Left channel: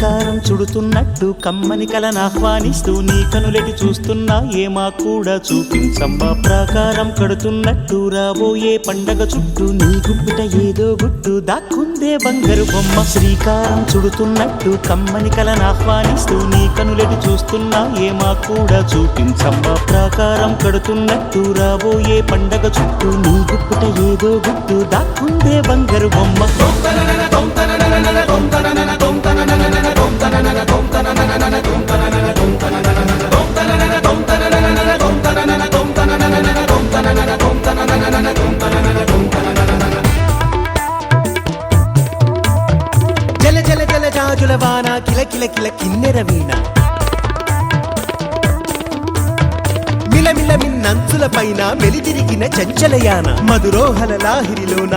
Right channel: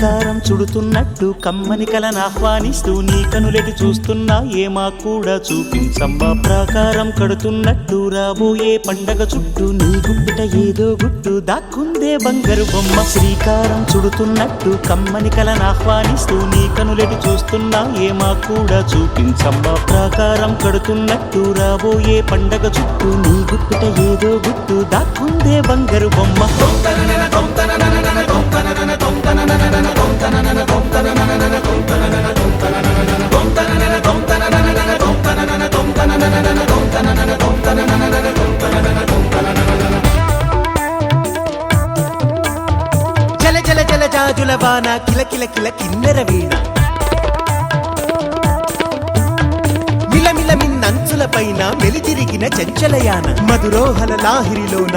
శ్రీకారం చుడుతున్నట్టు కమ్మని కలను ఆహ్వానిస్తూ నీ కనులెటి చూస్తున్నా ఏమా కూడా చూపించమ్మా ప్రాకారం కడుతున్నట్టు రాబోయే పండగ చుట్టూ నీ గుప్పిట ఏదో గుట్టు దాక్కుందే బంగారు బొమ్మ శ్రీకారం చుడుతున్నట్టు కమ్మని కలను ఆహ్వానిస్తూ నీ కనులెటి చూస్తున్నా ఏమా కూడా చూపించమ్మా ప్రాకారం కడుతున్నట్టు రాబోయే పండగ చుట్టూ నీ గుప్పిట ఏదో గుట్టు దాక్కుందే బంగారు బొమ్మ జల జల జాజుల వాన కిల కిల కిల కిన్నెర వీణ మిల మిల మిన్నంచుల పైన వెలితిరిగిన చంచలయాన మధురోహల లాహిరిలోన